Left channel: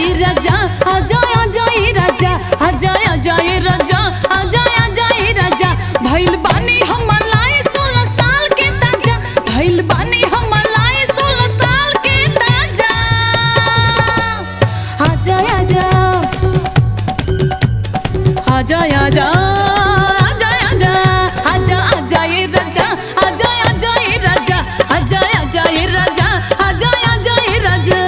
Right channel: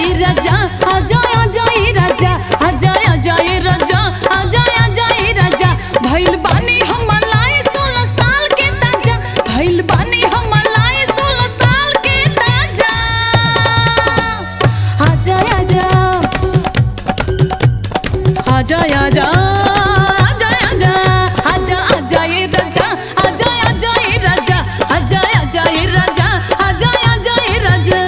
जाए राजा, आजा आजा ए राजा, आजा आजा ए राजा, आजा आजा ए राजा। भइल बानी हम लाए 16 साल के ताजा, भइल बानी हम लाए 16 साल के ताजा। आजा आजा आजा आजा आजा आजा आजा आजा ए राजा, आजा आजा ए राजा, आजा आजा ए राजा, आजा आजा ए राजा।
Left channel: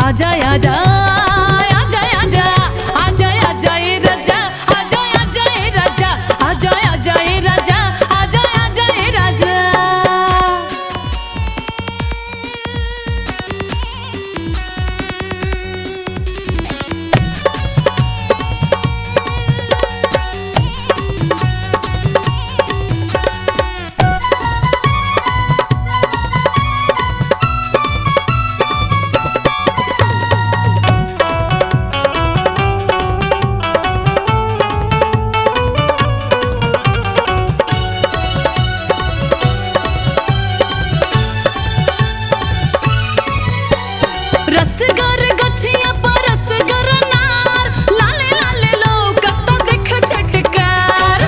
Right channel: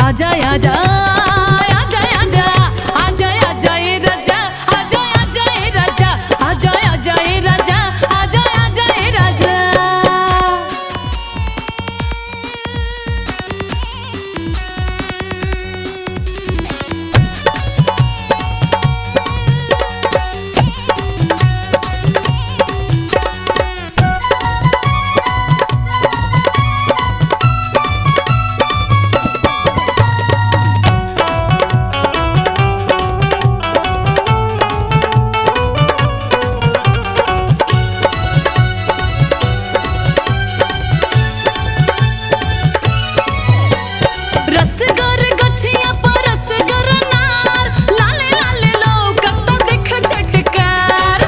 आजा आजा आजा आजा आजा आजा ए राजा, आजा आजा ए राजा, आजा आजा ए राजा, आजा आजा ए राजा। रसगर गछिया पर रसगर नार, लाले लाले लोग तो देख चटकार।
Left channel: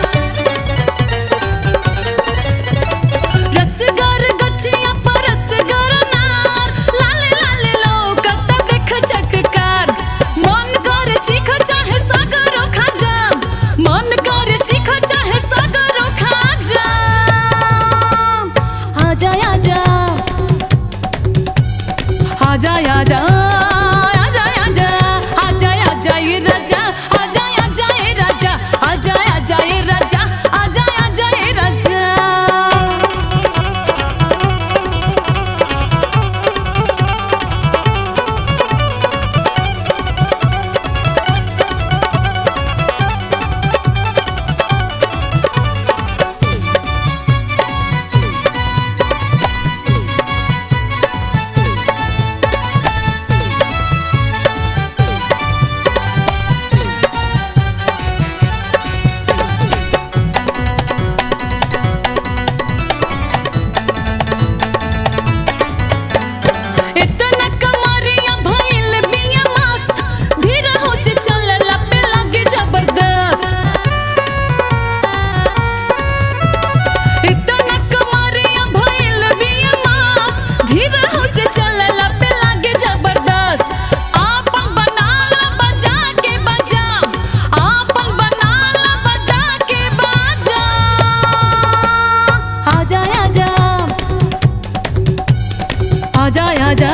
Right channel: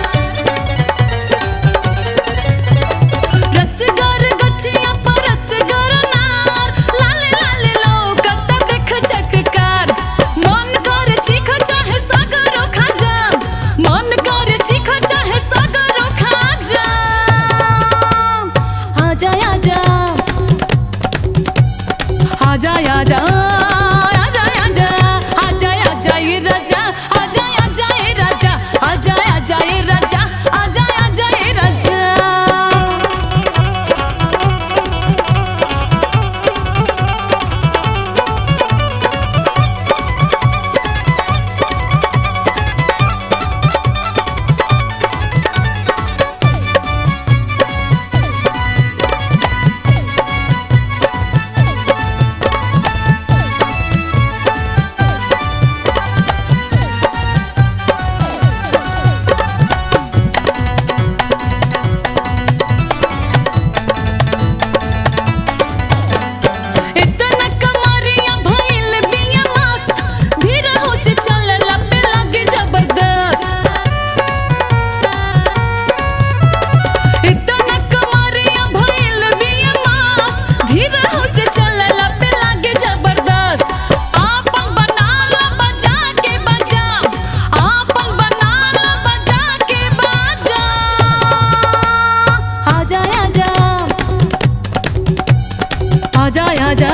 रसगर गछिया पर रसगर नार, लाले लाले लोग तो देख चटकार। मन करे चीख चाहे सागरो खा जा, मन करे चीख चाहे सागरो खा जा। आजा आजा आजा आजा आजा आजा आजा आजा ए राजा, आजा आजा ए राजा, आजा आजा ए राजा, आजा आजा ए राजा। आजा आजा